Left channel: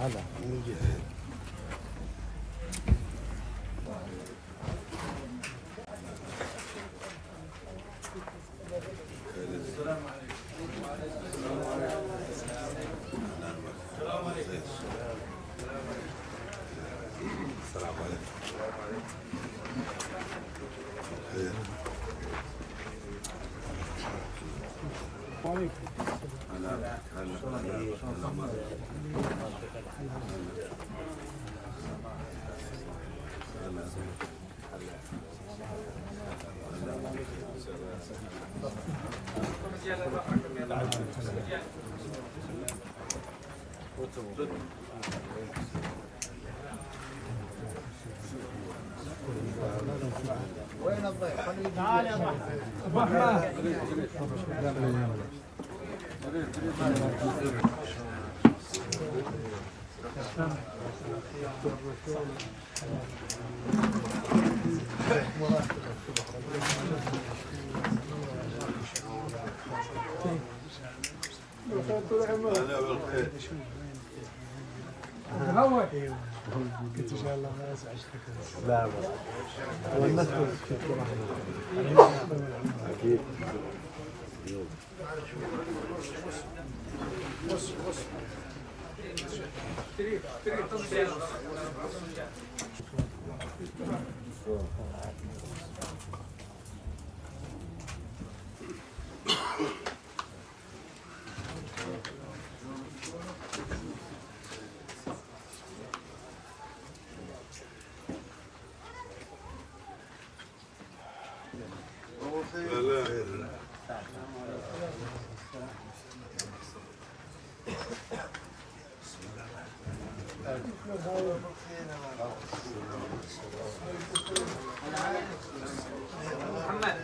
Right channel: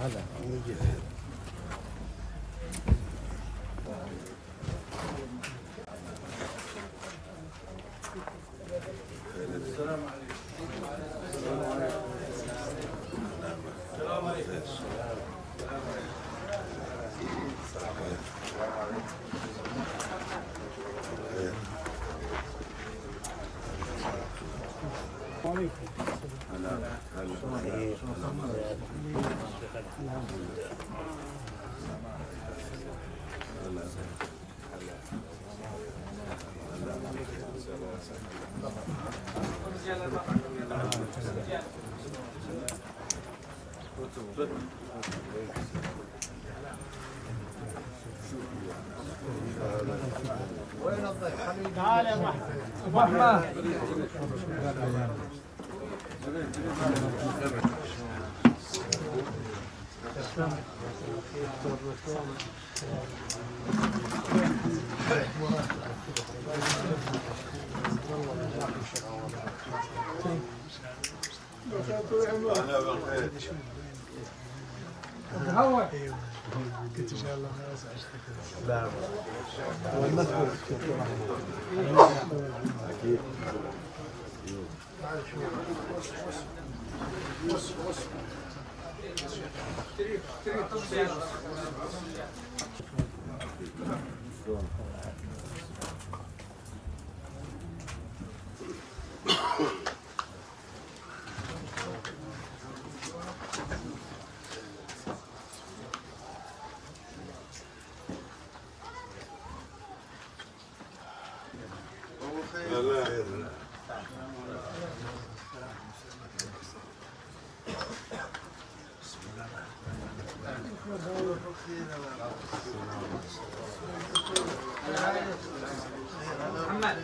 هذا يجي. السلام عليكم. وين الضيف؟ تعال يا ابو احمد. انا بالخير. هوا قلت ان شاء الله ما ازعجتك. لا محمد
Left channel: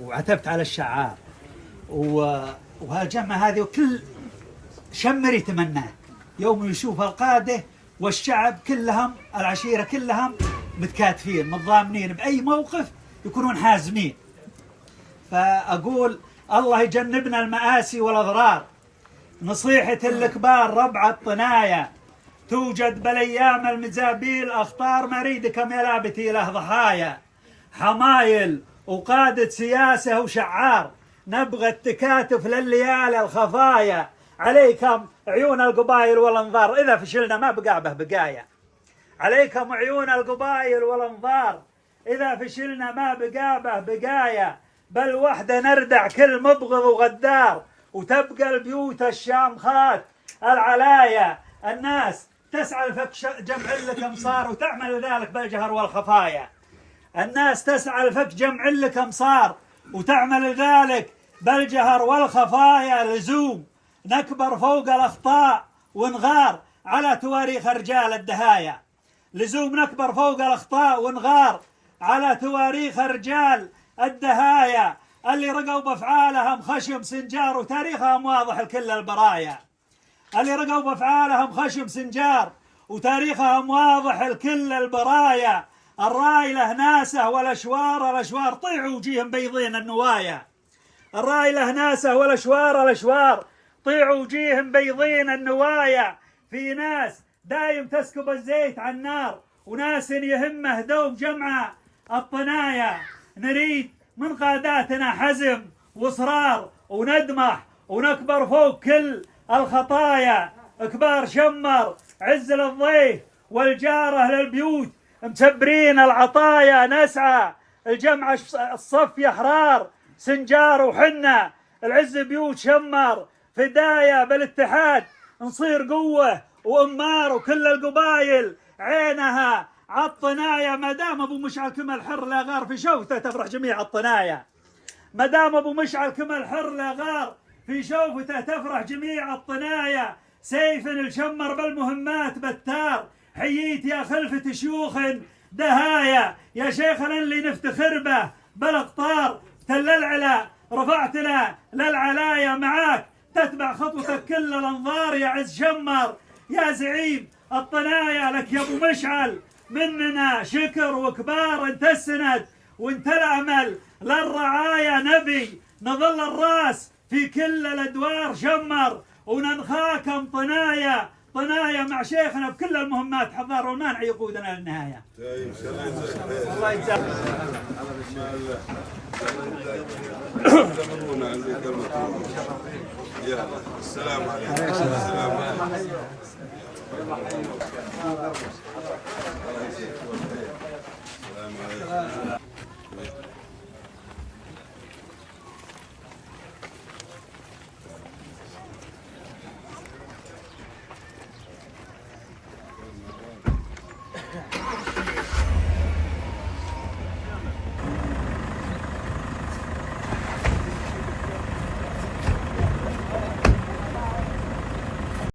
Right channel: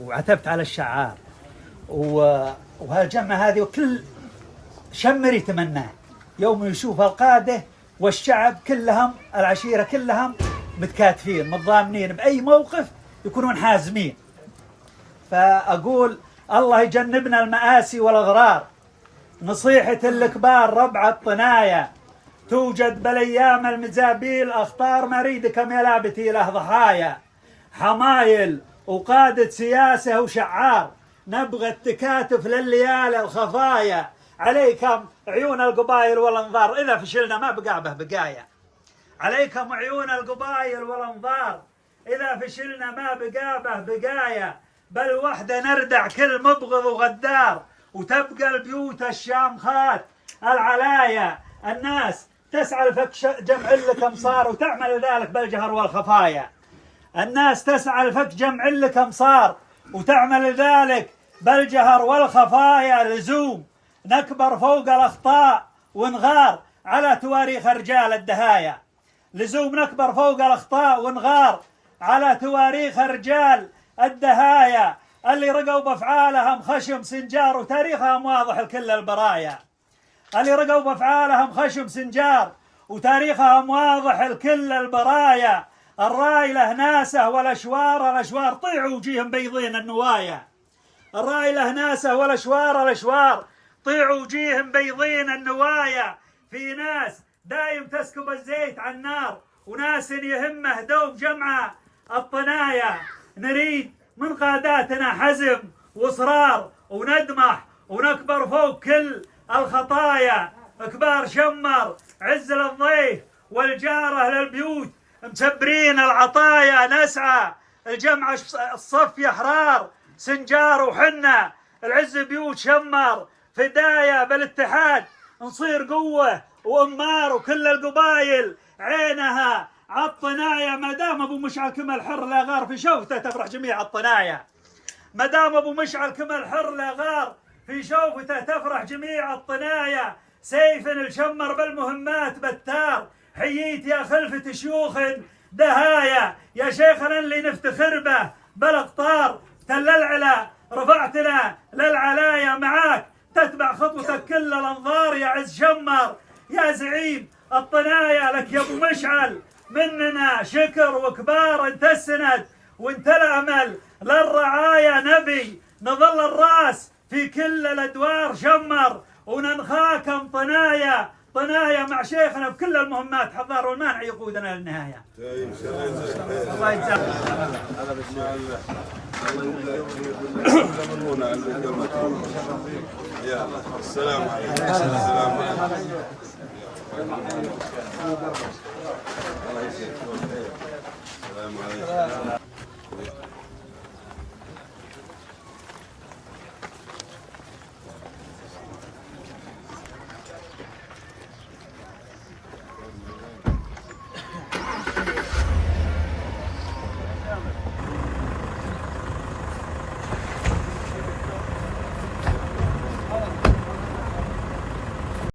وعتبت على الشعار وهالجمعة هذه وكل شمر يتمناه يوم يشوف القادة والشعب كلهم العشيرة كلهم متكاتفين متضامنين بأي موقف يكونون حازمين. فأقول الله يجنبنا المآسي والأغرار. نصيحة الكبار ربع الطنايا توجد بالأيام المزابيل أخطار مريدكم يا لابتي له ضحايا. حمايل وقادة سياسة وشعار نبغى التكاتف لليالي الخفايا. عليكم عيون القبائل والانظار إذا فشلنا ما بقى به بقايا. عليكم عيون القبائل والانظار إذا فشلنا ما بقى به بقايا. بل وحده نردع كل مبغض وغدار وتبقى البيوت الشامخات العلايا. الناس تسعى لفك جمع لك امصار وتعمل ذلك بالجهر والخفايا. الناس تسعى لفك جمع لك امصار وتعمل ذلك بالجهر والخفايا. لزوم نكبر فوق الاخطاء ونغار على تواريخ رجال الدهايا. لزوم نكبر فوق الاخطاء ونغار على تواريخ رجال الدهايا اللي رقوا بافعالهم خشم سنجار وتاريخهم واضح لكل البرايا. اللي رقوا بافعالهم خشم سنجار وتاريخهم واضح لكل البرايا. الراي له ناسه والاشوار طيعوا وجيهم بيضين النوايا. الراي له ناسه والاشوار طيعوا وجيهم بيضين النوايا. في ناس دايم تسكب الزيت على النار وناس يهمه دوم جمع الطنايا. نريد من قاداتنا حزم واصرار وندمح ونكبر فوق كل الخطايا. كبار شمر عز للضيف والجاره للبيوت متبرين العطايا. نسعى الجمع الصف يا احرار سنجار وحنا العز بيوت شمر فدايا. بالاتحاد نصير قوه وامار وكل القبايل عينها عالطنايا. ما دام ابو مشعل كمل حر لا غار في شوفته تفرح جميع الطنايا. ما دام ابو مشعل كمل حر لا غار في شوفته تفرح جميع الطنايا. سيف الشمر بالمهمات بتار حييت يا خلفة شيوخ دهايا، يا شيخنا اللي نفتخر به بالاقطار تل العلا، رفعتنا للعلايا معاك تتبع خطوتك كل الانظار يا عز شمر، يا زعيم الطنايا لك يا ابو مشعل مننا شكر وكبار، انت السند وانت الامل للرعايا، نبي نظل الراس في كل الادوار شمر، وننخاكم طنايا مع شيخنا بكل المهمات، حضار والمانع يقودنا للنهايه. الله يجزاك. السلام عليكم. السلام عليكم. الله يسلمك.